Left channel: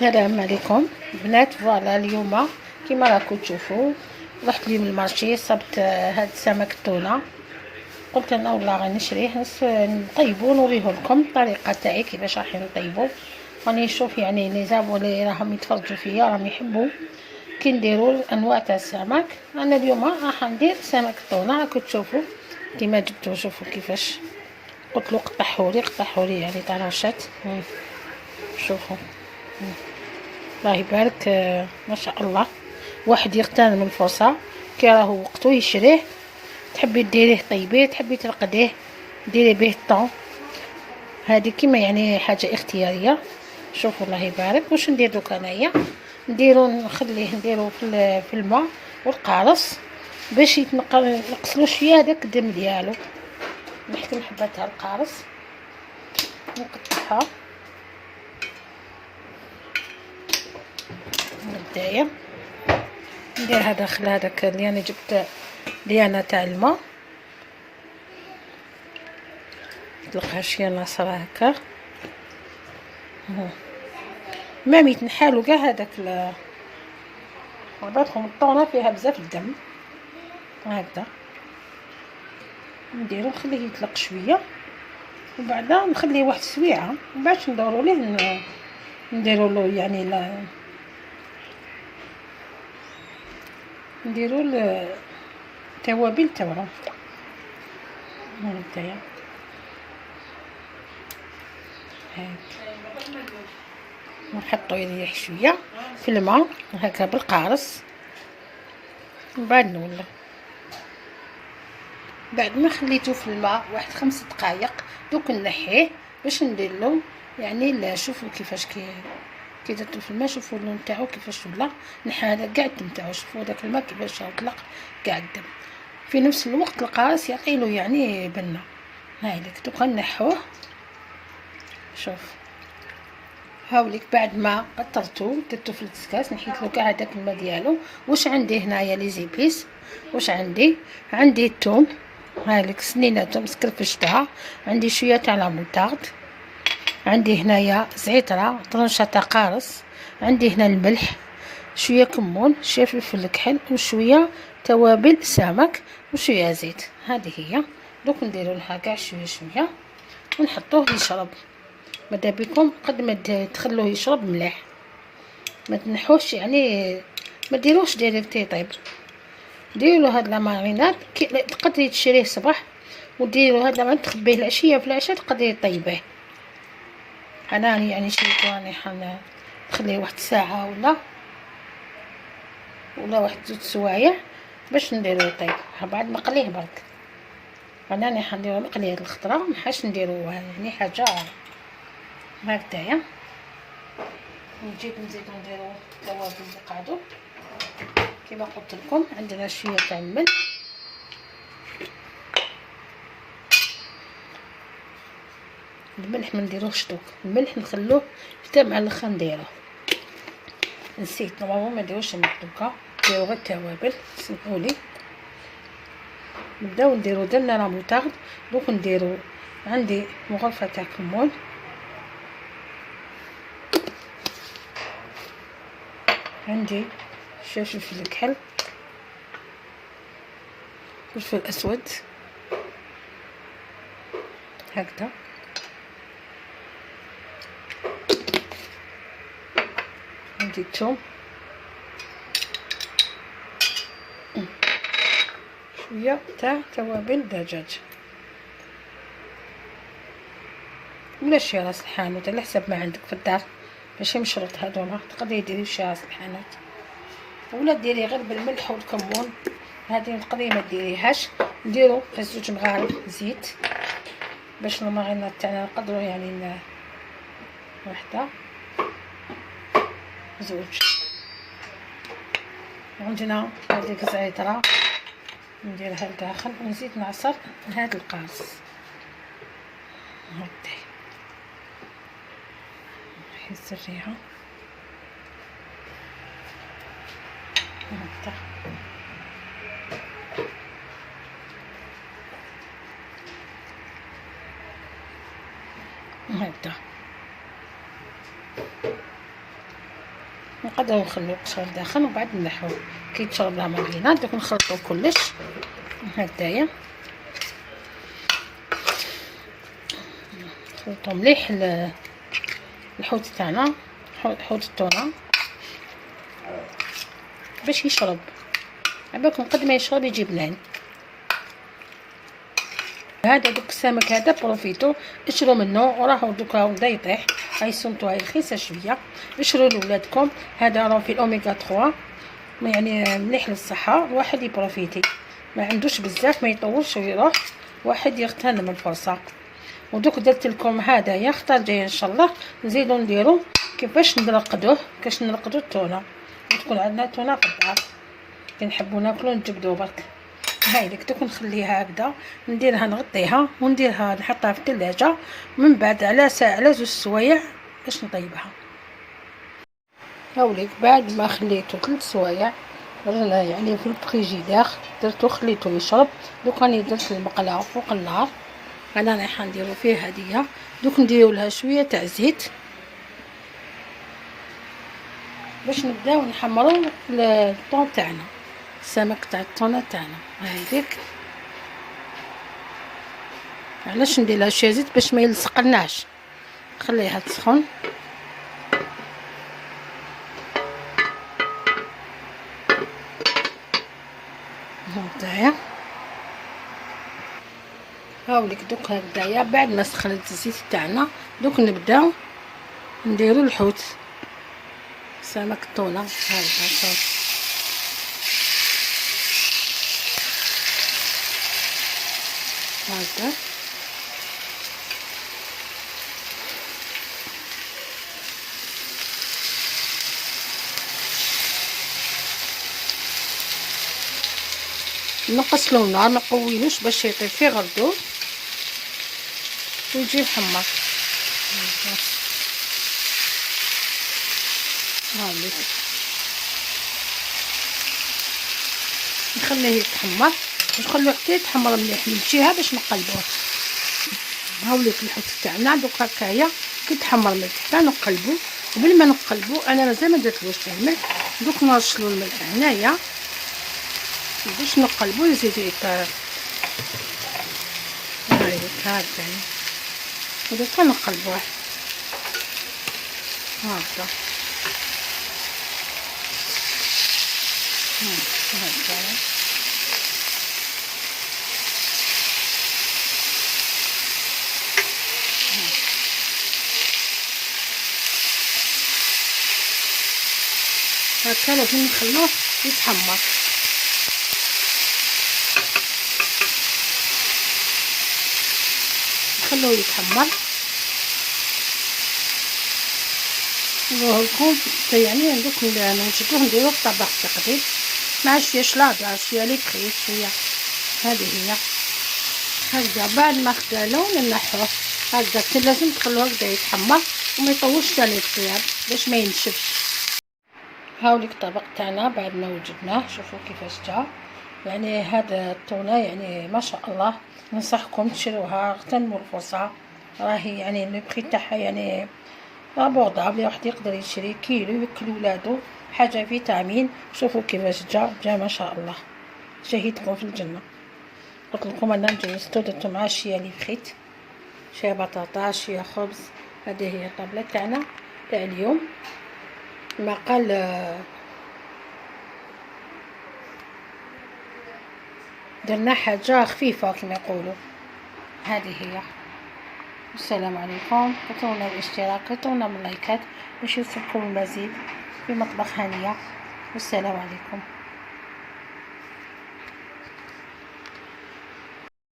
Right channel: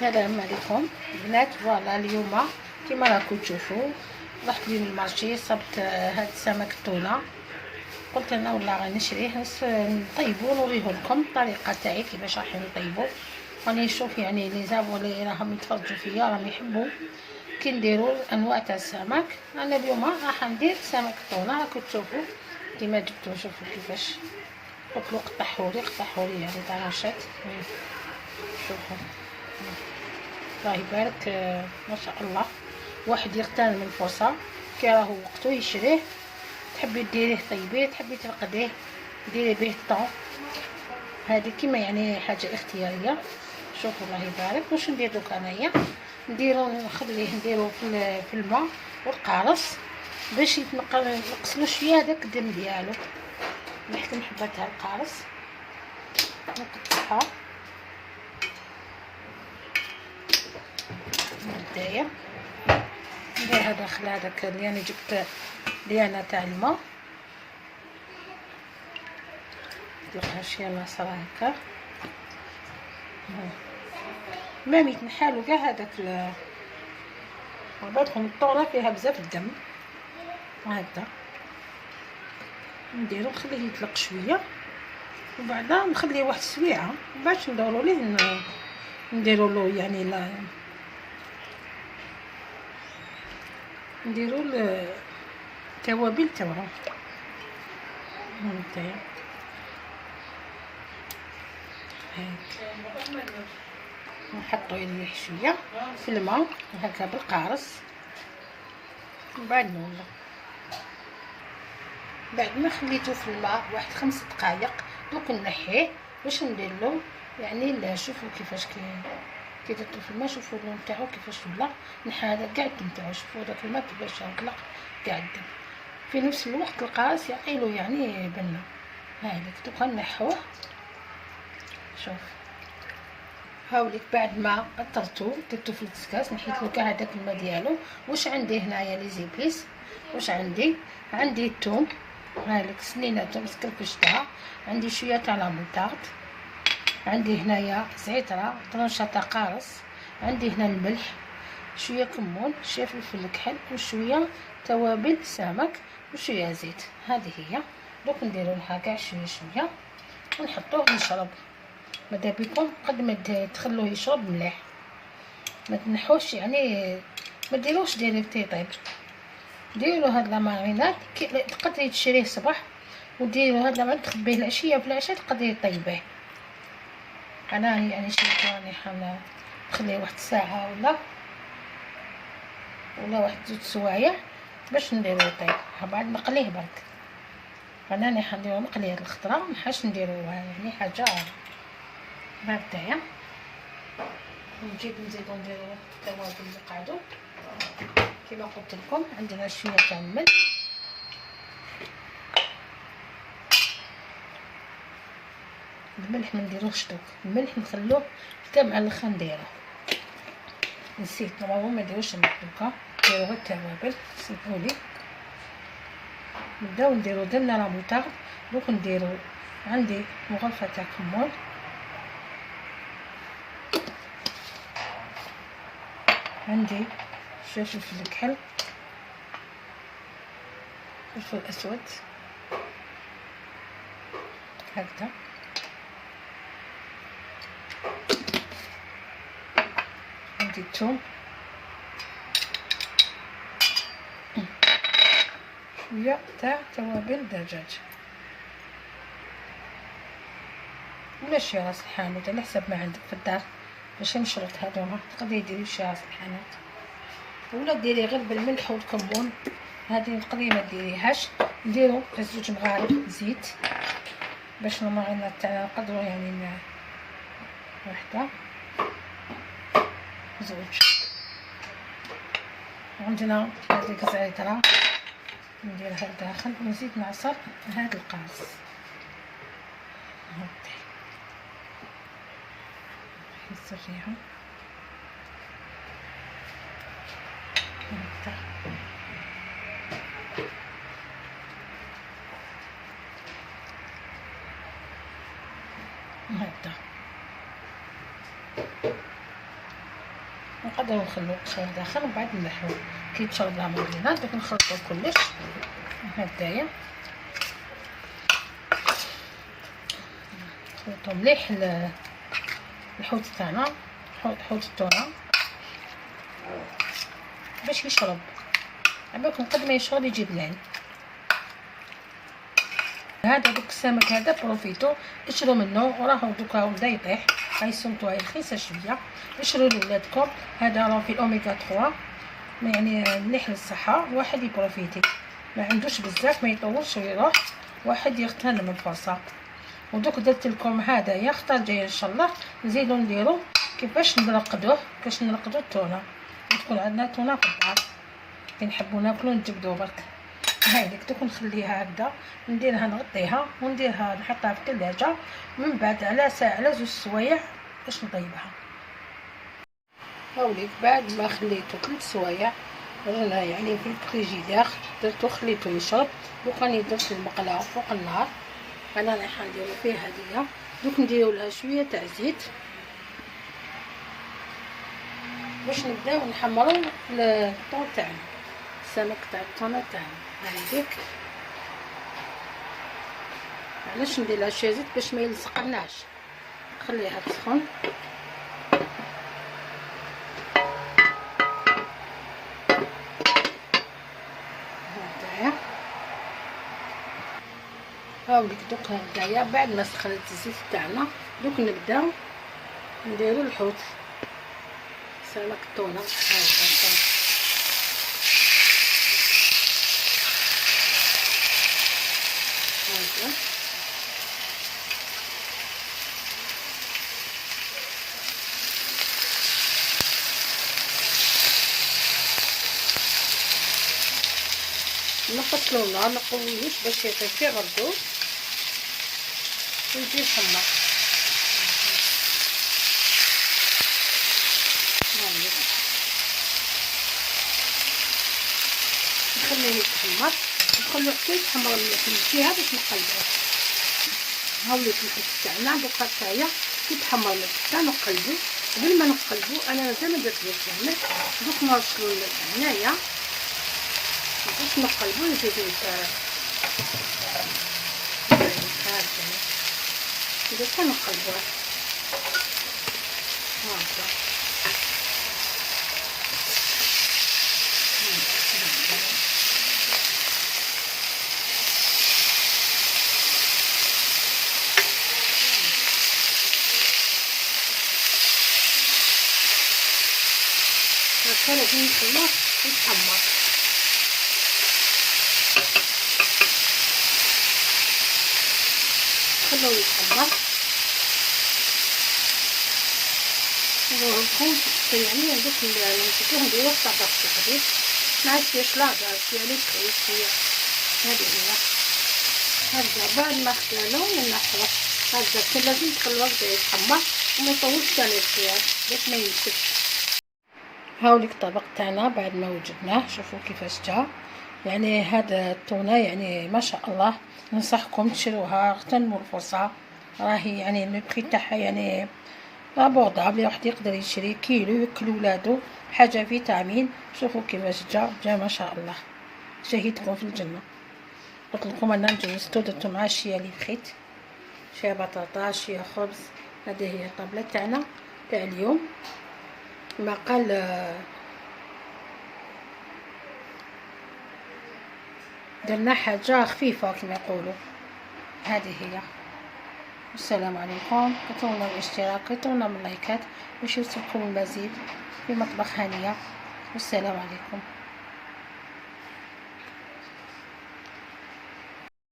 السلام عليكم بنات. فوالا اليوم كيما راكم تشوفوا رحت اليوم للمارشي، صبت هاد السمك التونه. قلت انا والله غنشريه نطيبو نوريه لكم الطريقه تاعي كيفاش راح نطيبو. راني نشوف يعني لي زابون اللي راهم يتفرجوا فيا راهم يحبوا كي نديروا انواع تاع السمك. انا اليوم راح ندير سمك التونه راكم تشوفوا كيما جبتو. شوفوا كيفاش قلت له قطعوا لي يعني طراشات. شوفوا الله يبارك، ما شاء الله. واحد يغتنم الفرصه كي راهو وقتو يشريه. تحبي ديريه طيبيه، تحبي ترقديه ديري به الطون. هذه كيما يعني حاجه اختياريه. شوفوا الله يبارك. واش ندير دوك انايا؟ نخليه نديرو في الماء والقارص باش نقصلو شويه هذاك الدم ديالو. نحكم حبات القارص نقطعها من البدايه. نديرها داخل هذاك اللي انا جبت ليانا تاع الماء، نطلقها شويه ناصرة هكا ما يتنحالو كاع هذاك بعضكم الطونه فيها بزاف الدم هكذا. نديرو نخليه يطلق شويه وبعدا نخليه واحد السويعه باش ندورو ليه نديرو له يعني لا نديرو التوابل تاعو هانتايا. نحطو يريح شويه في الماء هكا بالقارص. من بعد نولف بعد ما خليته في الماء واحد 5 دقائق دوك نحيه باش ندير له يعني لا. شوفوا كيفاش كي درتو في الماء، شوفوا اللون تاعو كيفاش ولا نحى هذا كاع الدم تاعو. شوفوا داك الماء كيفاش طلق كاع الدم. في نفس الوقت القارص يعطيلو يعني بنه. هاذيك دوكا نحوه. شوف هاوليك بعد ما قطرتو درتو في الكسكاس نحيت له كاع هذاك الماء ديالو. واش عندي هنايا لي زيبيس؟ واش عندي الثوم، هاوليك سنينه ثوم سكرفشتها. عندي شويه تاع لاموطارد، عندي هنايا زعتره طرنشه تاع قارص، عندي هنا الملح، شويه كمون، شويه فلفل الكحل، وشويه توابل سمك، وشويه زيت. هذه هي. دوك نديرو لها كاع شويه ونحطوه يشرب. ماذا بكم قد ما تخلوه يشرب مليح، ما تنحوش يعني ما ديروش ديريكت يطيب. ديروا هاد لا ماريناد تقدري تشريه صباح وديروا هاد لا تخبيه العشيه في العشاء تقدري طيبيه. انا يعني شريت راني نخليه واحد الساعه ولا واحد 2 سوايع باش نديرو يطيب. بعد ما نقليه برك انا حنديرو مقليه الخضره ما حاش نديرو يعني حاجه هكذايا. نزيدو نديرو التوابل اللي قعدو كما قلت لكم. عندنا شويه تاع الملح، الملح ما نديروش دوك، الملح نخلوه حتى مع الاخر نديروه. نسيت نورمالمون ما نديروش الملح دوكا، نديرو غير التوابل. سمحولي نبداو نديرو درنا لا موطارد. دوك نديرو عندي مغرفه تاع كمون، عندي شويه فلفل الكحل، فلفل اسود هكذا، عندي الثوم، شويه تاع توابل دجاج ولا شي راس الحانوت على حسب ما عندك في الدار. ماشي مشروط هذوما، تقدري ديري شي راس الحانوت ولا ديري غير بالملح والكمون. هذه تقدري ما ديريهاش. نديرو 2 مغارف زيت باش الماريناد تاعنا نقدروا يعني وحده 2. عندنا هذيك الزعتره نديرها لداخل ونزيد نعصر هذا القارص هكذا نحس الريحه هكذا. هكذا نبداو نخليو القشر داخل وبعد نلحو كي تشرب لا مارينا. دوك نخلطو كلش هكذايا، نخلطو مليح الحوت تاعنا، حوت التونه باش يشرب. عباكم قد ما يشرب يجي بنان. هذا دوك السمك هذا بروفيتو اشرو منه، وراهو دوكا بدا يطيح، هاي سمتو هاي رخيصه شويه، اشرو لولادكم. هذا راه في الاوميغا 3 يعني مليح للصحه، الواحد يبروفيتي ما عندوش بزاف ما يطولش ويروح، واحد يغتنم الفرصه. ودوك درت لكم هذايا، خطر جايه ان شاء الله نزيدو نديرو كيفاش نرقدوه، كاش نرقدو التونه، تكون عندنا تونه في الدار كي نحبو ناكلو نجبدو برك. هاي لك دوك نخليها هكذا، نديرها نغطيها ونديرها نحطها في الثلاجه، من بعد على ساعه على 2 سوايع باش نطيبها. هاوليك بعد ما خليته 3 سوايع رانا يعني في الفريجيدير درتو خليته يشرب. دوك راني درت المقله فوق النار، انا رايحه نديرو فيه هديه. دوك نديرو لها شويه تاع زيت باش نبداو نحمرو الطون تاعنا، السمك تاع الطونه تاعنا. هايديك علاش ندير لها شويه زيت باش ما يلصقلناش، نخليها تسخن. هكذايا هاوليك دوك هكذايا. بعد ما سخنت الزيت تاعنا دوك نبداو نديرو الحوت سمك التونه هكذا. هكذا نقصلو النار، نقويوش باش يطيب فيه غردو ويجي محمر. هاوليك نخليه يتحمر ونخليه حتى يتحمر مليح من الجهه باش نقلبوه. هاوليك الحوت تاعنا دوك هكايا كي تحمر مليح نقلبو. قبل ما نقلبو انا مازال ما درتلوش الملح، دوك نرشلو الملح هنايا باش نقلبو يزيد يطيب. هكا دوكا نقلبوه هكا هكا لازم نخلوه يتحمر. نخلوه يتحمر ويكون يعني ندوك نشدوه نديروه في طبق تقديم مع شويه شلاضه شويه ليكري شويه. هذه هي هكذا. بعد ما خدالو نحوه هكذا، لازم تخلوه هكذا يتحمر وما يطولش تاني الخيار باش ما ينشفش. هاوليك الطبق تاعنا بعد ما وجدناه، شوفوا كيفاش جا. يعني هذا التونه يعني ما شاء الله، ننصحكم تشروها، اغتنموا الفرصه. راهي يعني البري تاعها يعني ابوردابل، واحد يقدر يشري كيلو ياكل ولادو، حاجه فيتامين. شوفوا كيفاش جا ما شاء الله، شهيتكم في الجنه. قلت لكم انا جوزتو درتو مع شويه لي فريت، شويه بطاطا شويه خبز. هذه هي الطابله تاعنا تاع اليوم. ما قال درنا حاجه خفيفه كما يقولوا. هذه هي. السلام عليكم. كتبونا الاشتراك، كتبونا من اللايكات باش يوصلكم المزيد في مطبخ هانيه. والسلام عليكم.